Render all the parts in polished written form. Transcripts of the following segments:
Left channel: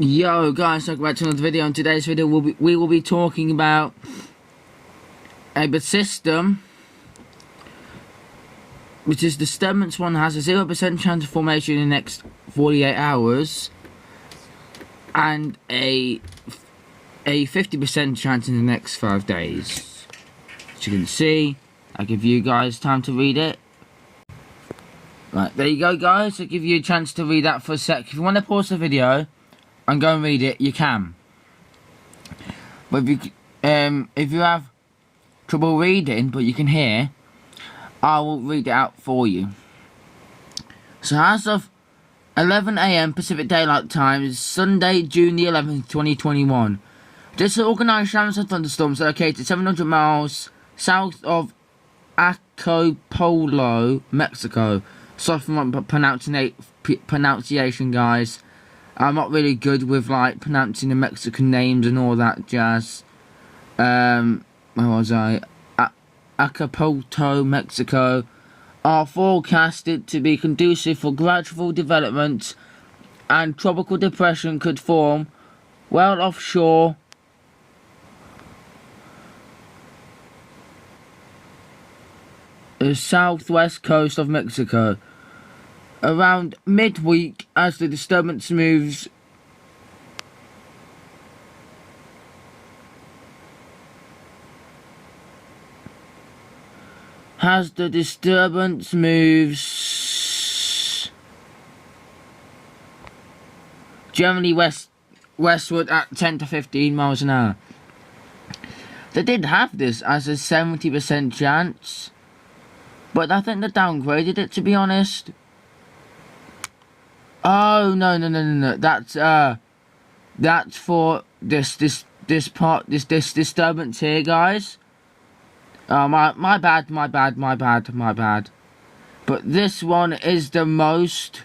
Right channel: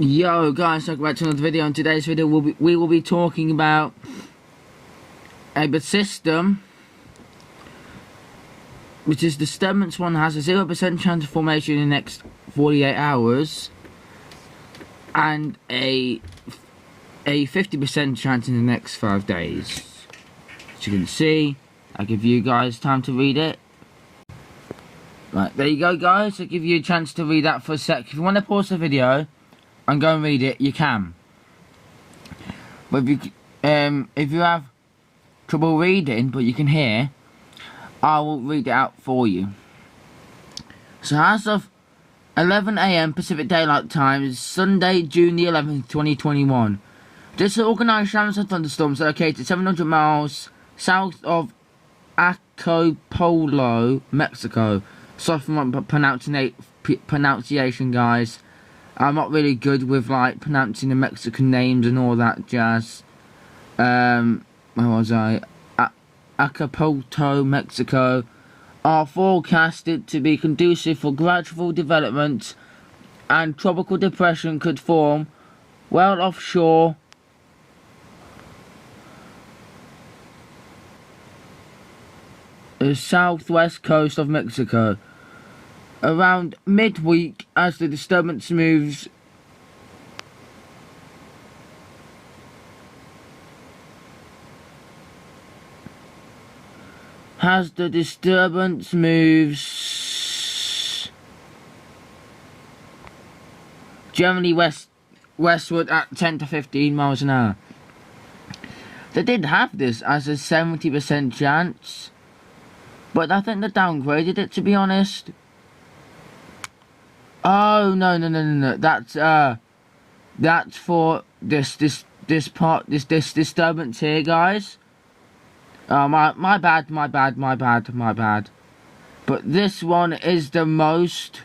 Yo guys, welcome back to another video. In today's video we will be talking about a system which is disturbance 1 has a 0% chance of formation in the next 48 hours and a 50% chance in the next 5 days. As you can see, I'll give you guys time to read it. Right, there you go guys, I'll give you a chance to read that for a sec. If you want to pause the video and go and read it, you can. But if you have trouble reading but you can hear, I will read it out for you. So as of 11 AM Pacific Daylight Time, is Sunday, June the 11th, 2021. Disorganized showers and thunderstorms are located 700 miles south of Acapulco, Mexico. Sorry for my pronunciation, guys. I'm not really good with like pronouncing the Mexican names and all that jazz. Where was I? Acapulco, Mexico, are forecasted to be conducive for gradual development, and tropical depression could form well offshore the southwest coast of Mexico around midweek as the disturbance moves generally westward at 10 to 15 miles an hour. They did have this as a 70% chance, but I think they downgraded it, to be honest. Oh no! That's for this disturbance here, guys. My bad. But this one is the most.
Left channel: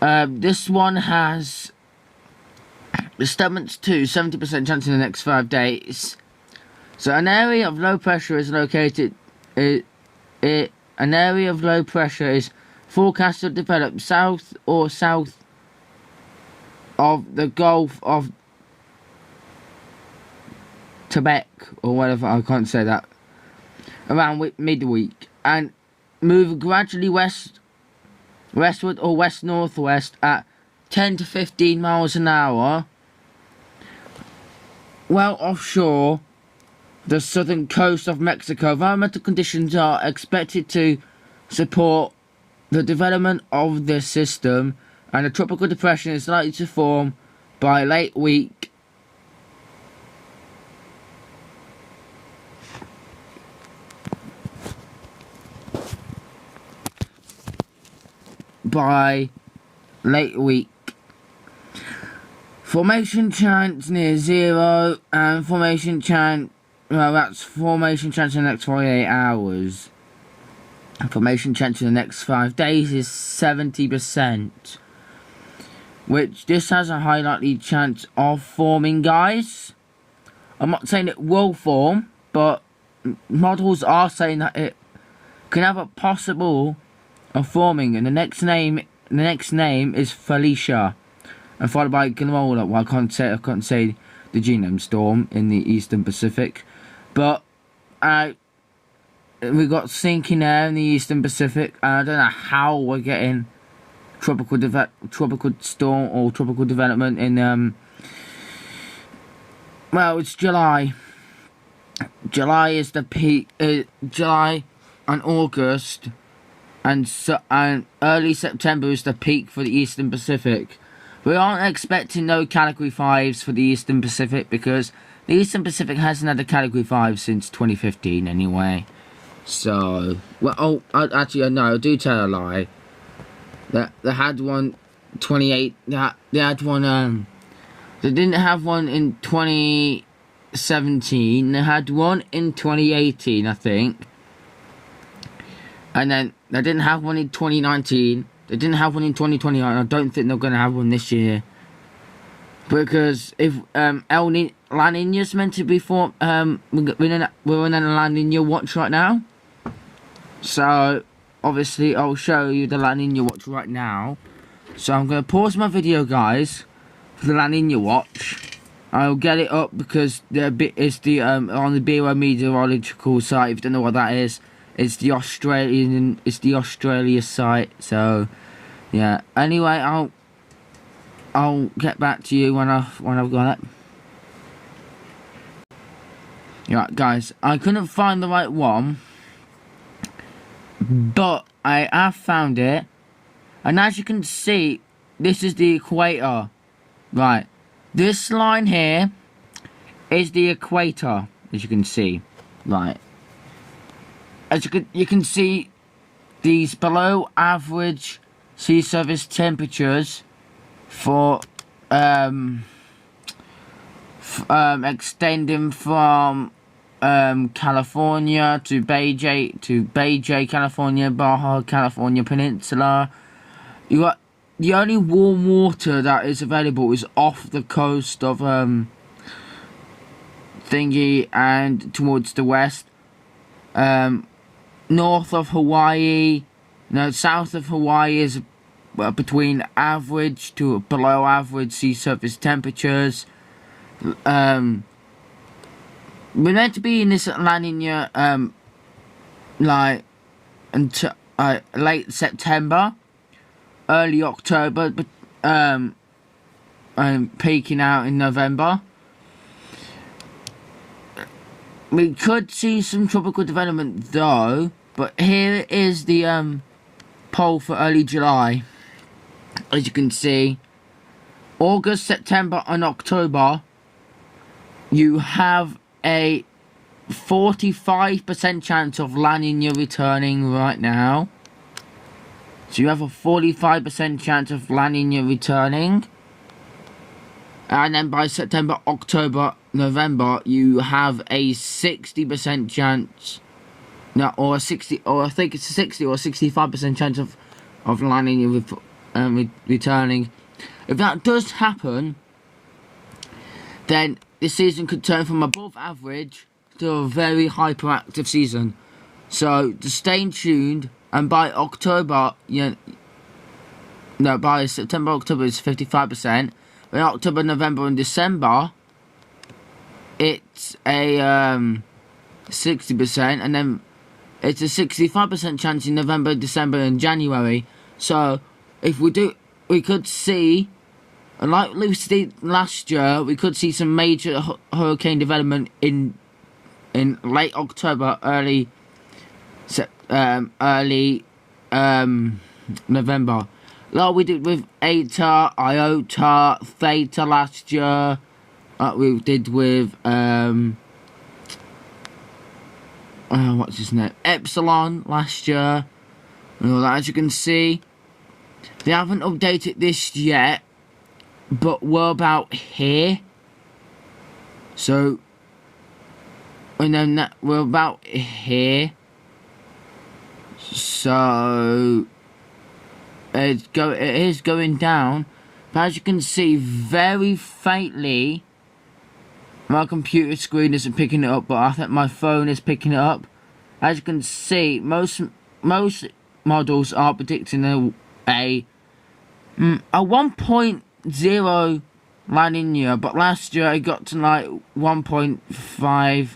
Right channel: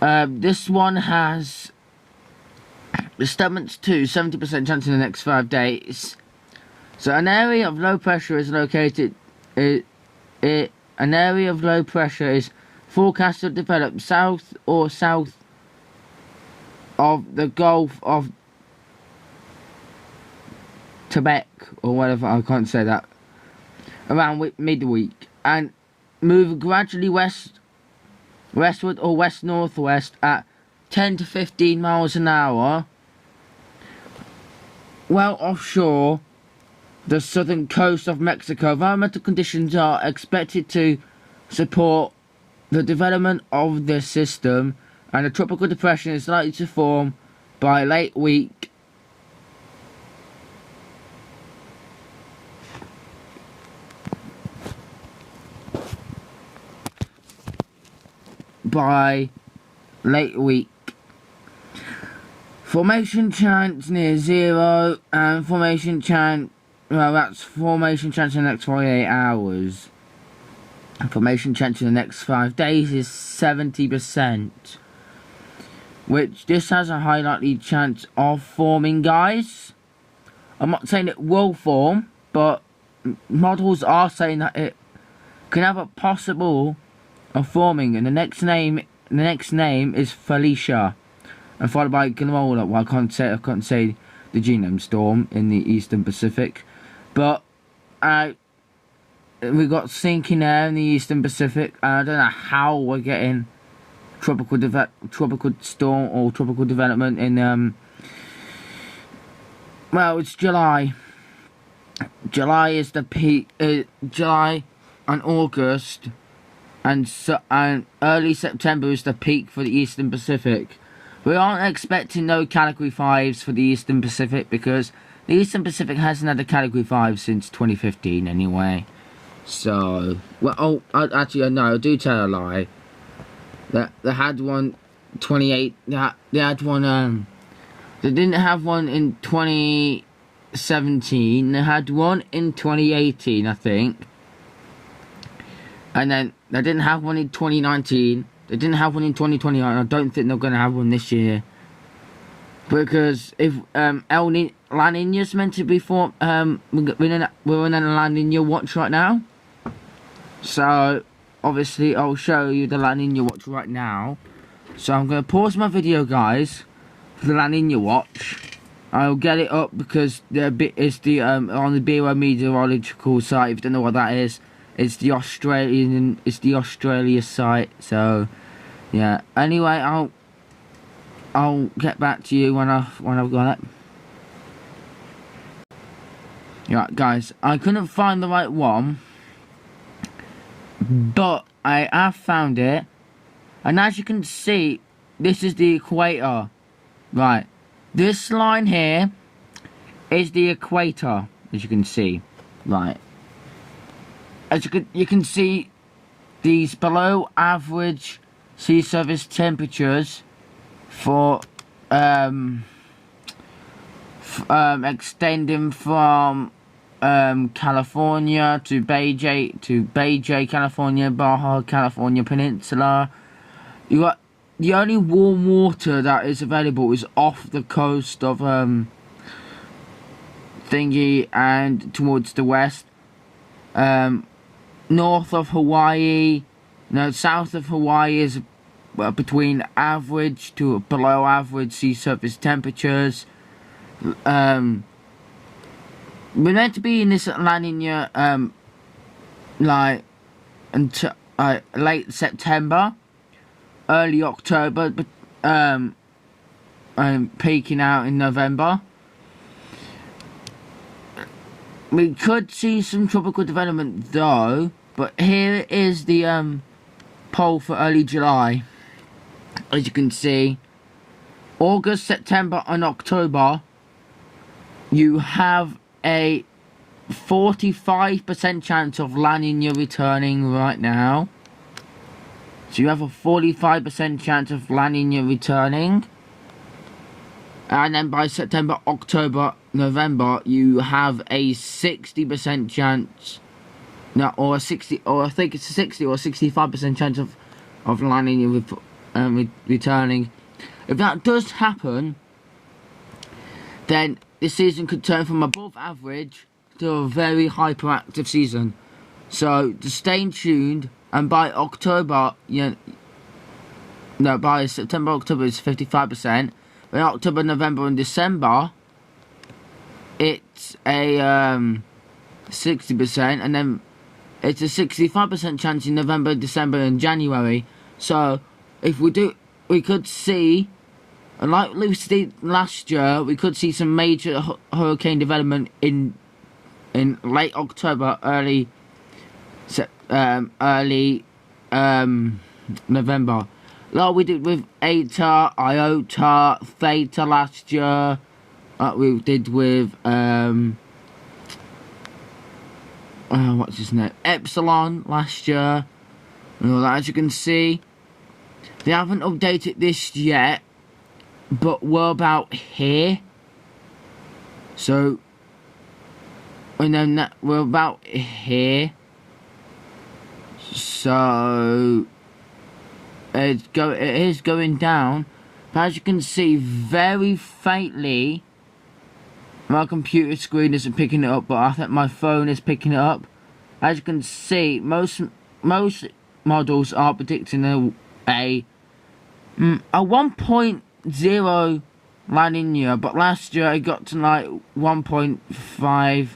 This one has disturbance 2, 70% chance in the next 5 days. So an area of low pressure is located. An area of low pressure is forecast to develop south of the Gulf of Tibet, or whatever, I can't say that, around midweek, and move gradually westward or west-northwest at 10 to 15 miles an hour, well offshore the southern coast of Mexico. Environmental conditions are expected to support the development of this system, and a tropical depression is likely to form by late week. Formation chance near zero, and formation chance, well, that's formation chance in the next 48 hours. Formation chance in the next 5 days is 70%, which this has a high likely chance of forming, guys. I'm not saying it will form, but models are saying that it can have a possible of forming, and the next name is Felicia, and followed by Gnola. Well, I can't say the genome storm in the Eastern Pacific, but we got sinking air in the Eastern Pacific. I don't know how we're getting tropical storm or tropical development in well, it's July. July is the peak. July and August and early September is the peak for the Eastern Pacific. We aren't expecting no Category 5s for the Eastern Pacific, because the Eastern Pacific hasn't had a Category 5 since 2015 anyway. So, well, actually, no, I do tell a lie. They had one 28. They had one. They didn't have one in 2017. They had one in 2018, I think. And then they didn't have one in 2019. They didn't have one in 2020. I don't think they're going to have one this year. Because if La Nina's meant to be we're in a La Nina watch right now. So obviously I'll show you the La Nina watch right now. So I'm going to pause my video, guys, the La Nina watch. I'll get it up because it's the on the Bureau Meteorological site. If you don't know what that is, it's the Australia site. So yeah. Anyway, I'll get back to you when I've got it. Yeah, guys, I couldn't find the right one, but I have found it, and as you can see, this is the equator. Right, this line here is the equator, as you can see. Right, as you can see, these below average sea surface temperatures for extending from California to Beijing, California, Baja California Peninsula. You got the only warm water that is available is off the coast of thingy and towards the west, north of Hawaii. No, south of Hawaii is between average to below average sea surface temperatures. We're meant to be in this La Nina like until late September, early October, but peaking out in November. We could see some tropical development though, but here is the poll for early July. As you can see, August, September and October, you have a 45% chance of La Nina returning right now. So you have a 45% chance of La Nina returning. And then by September, October, November, you have a 60% chance, no, or a 60, or I think it's a 60 or 65% chance of La Nina returning. If that does happen, then this season could turn from above average to a very hyperactive season. So just stay tuned, and by October, by September, October it's 55%. By October, November and December, it's a 60%, and then it's a 65% chance in November, December and January. So if we could see, like we did last year, we could see some major hurricane development in late October, early November. Like we did with Eta, Iota, Theta last year. Like we did with what's his name? Epsilon last year. And all that. As you can see, they haven't updated this yet, but we're about here. So, and then we're about here. So it is going down, but as you can see, very faintly. My computer screen isn't picking it up, but I think my phone is picking it up. As you can see, most models are predicting a 1.0 La Nina, but last year it got to like 1.5,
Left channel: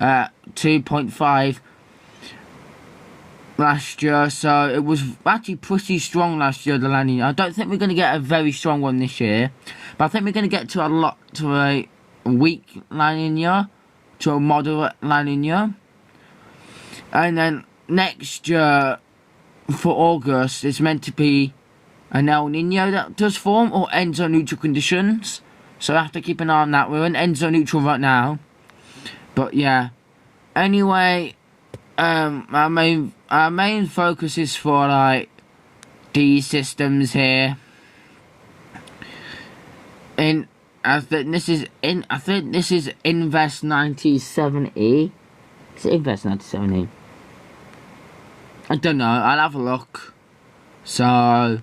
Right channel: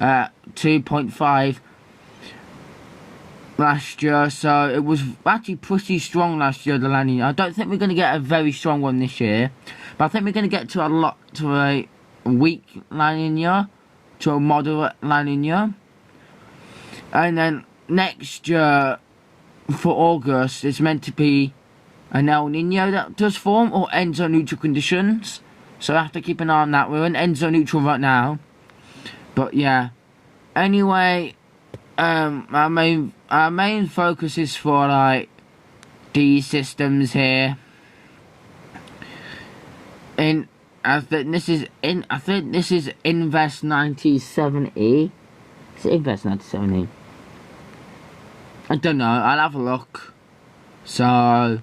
2.5 last year, so it was actually pretty strong last year, the La Nina. I don't think we're going to get a very strong one this year, but I think we're going to get to a weak La Nina, to a moderate La Nina. And then next year, for August, it's meant to be an El Nino that does form, or Enso neutral conditions. So I have to keep an eye on that. We're in Enso neutral right now. But yeah. Anyway, our main focus is for like these systems here. I think this is Invest 97E. Is it Invest 97E? I don't know. I'll have a look. So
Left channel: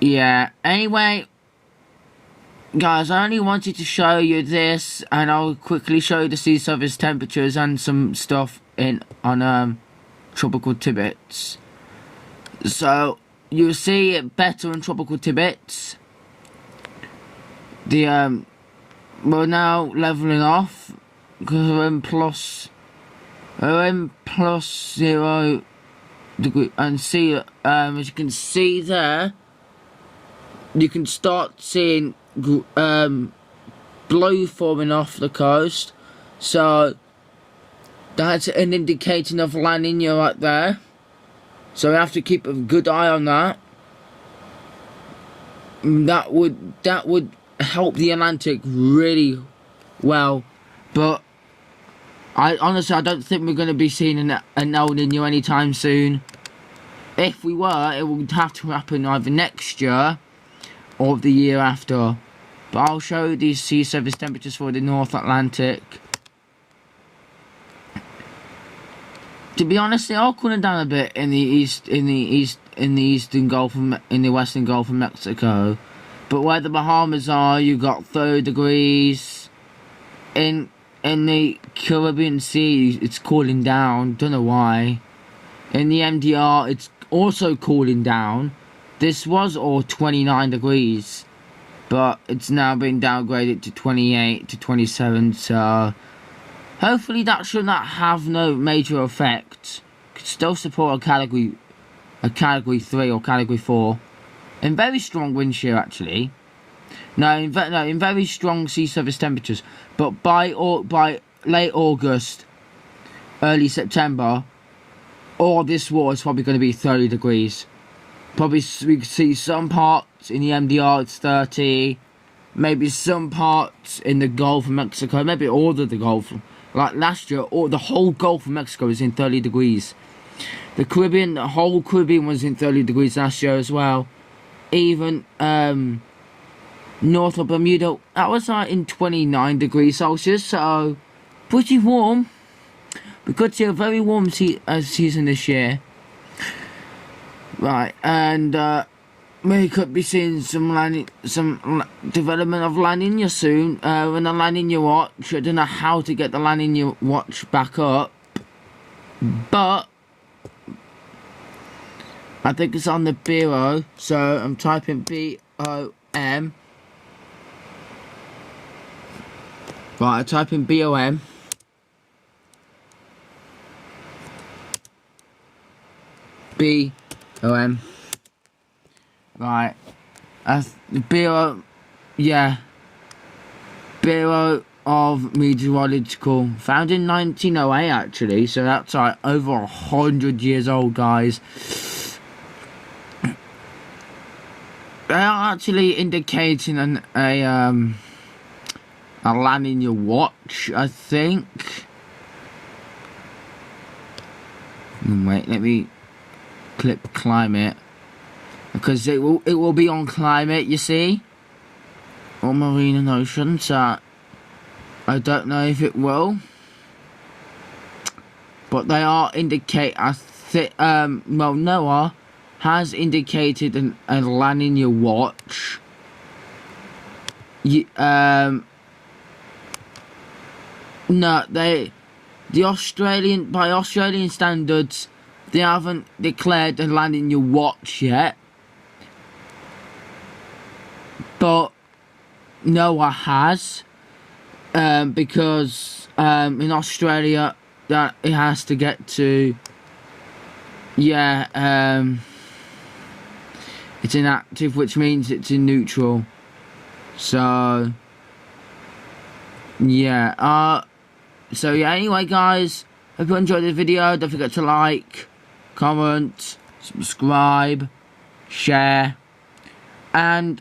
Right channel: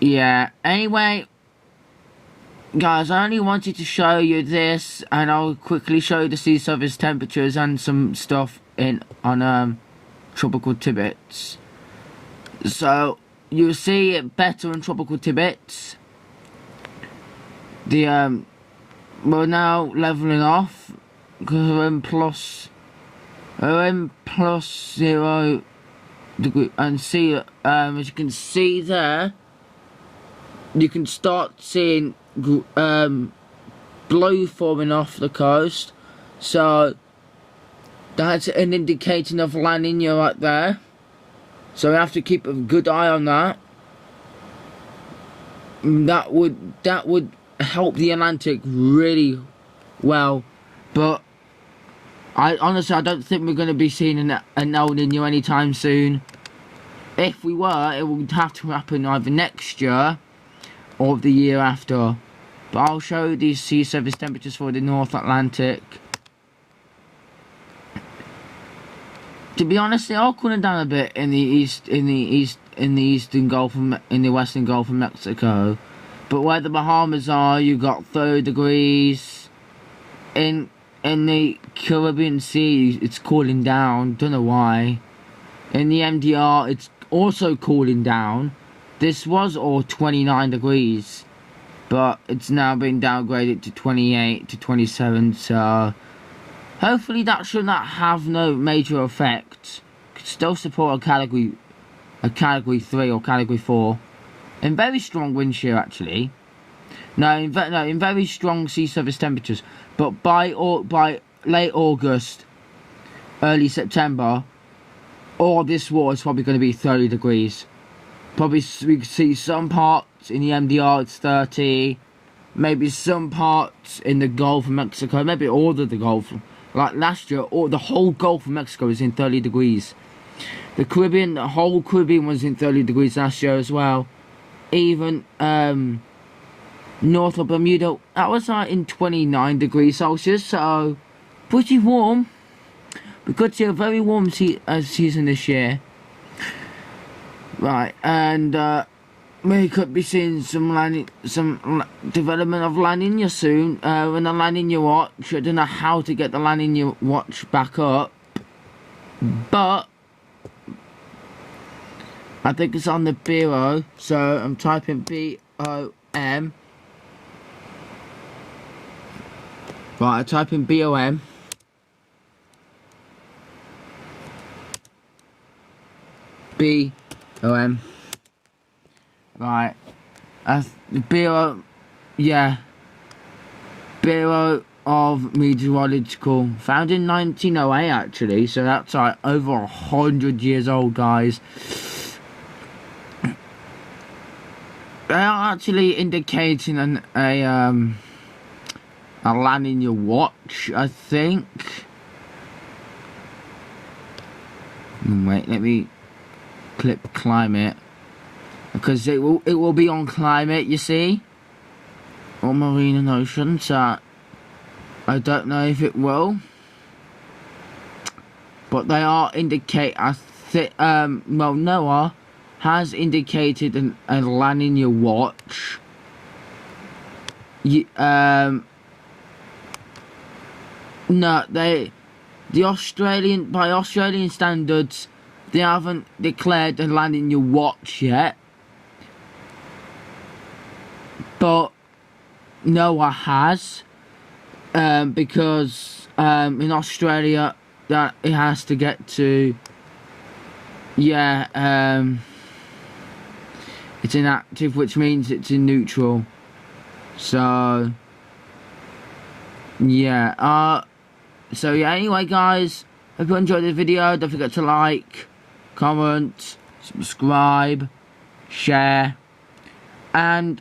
yeah. Anyway, guys, I only wanted to show you this, and I'll quickly show you the sea surface temperatures and some stuff on tropical tidbits. So you'll see it better in tropical Tibet. The we're now leveling off because we're in plus 0 degree, and see as you can see there, you can start seeing blue forming off the coast, so that's an indication of La Nina right there. So we have to keep a good eye on that. That would help the Atlantic really well, but I don't think we're going to be seeing an El Nino anytime soon. If we were, it would have to happen either next year or the year after. But I'll show you these sea surface temperatures for the North Atlantic. To be honest, they are cooling down a bit in the eastern Gulf, in the western Gulf of Mexico. But where the Bahamas are, you got 30 degrees. In the Caribbean Sea, it's cooling down. Don't know why. In the MDR, it's also cooling down. This was all 29 degrees, but it's now been downgraded to 28 to 27. So hopefully that should not have no major effect. Could still support a category 3 or category 4. In very strong wind shear, actually. In very strong sea surface temperatures. But by late August, early September, all this water is probably going to be 30 degrees. Probably we can see some parts in the MDR it's 30. Maybe some parts in the Gulf of Mexico. Maybe all of the Gulf. Like last year, the whole Gulf of Mexico was in 30 degrees. The Caribbean, the whole Caribbean was in 30 degrees last year as well. Even north of Bermuda, that was like in 29 degrees Celsius, so pretty warm. We could see a very warm season this year. Right, and we could be seeing some development of La Nina soon. When the La Nina watch, I don't know how to get the La Nina watch back up, but I think it's on the bureau, so I'm typing BOM. Right, I type in BOM. BOM. Right. That's the Bureau, yeah. Bureau of Meteorological. Founded in 1908, actually, so that's like over 100 years old, guys. They are actually indicating a La Nina watch, I think. Wait, let me click climate, because it will be on climate, you see, or marine and ocean. So I don't know if it will, but they are indicate. I think well, NOAA has indicated a La Nina watch. No, by Australian standards, they haven't declared a La Nina watch yet, but NOAA has, because in Australia that it has to get to, it's inactive, which means it's in neutral. So anyway, guys, hope you enjoyed the video. Don't forget to like, comment, subscribe, share, and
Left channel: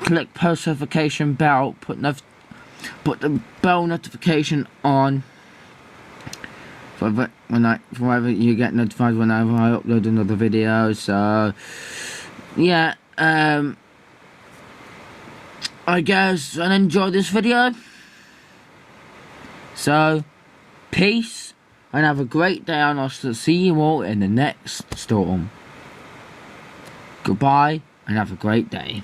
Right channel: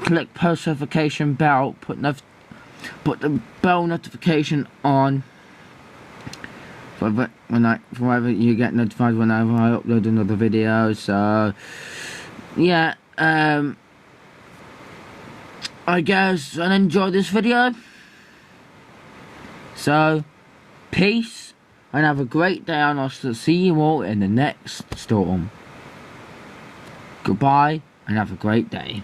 click post notification bell. Put the bell notification on for whenever you get notified whenever I upload another video. So I guess and enjoy this video. So peace and have a great day, and I'll see you all in the next storm. Goodbye and have a great day.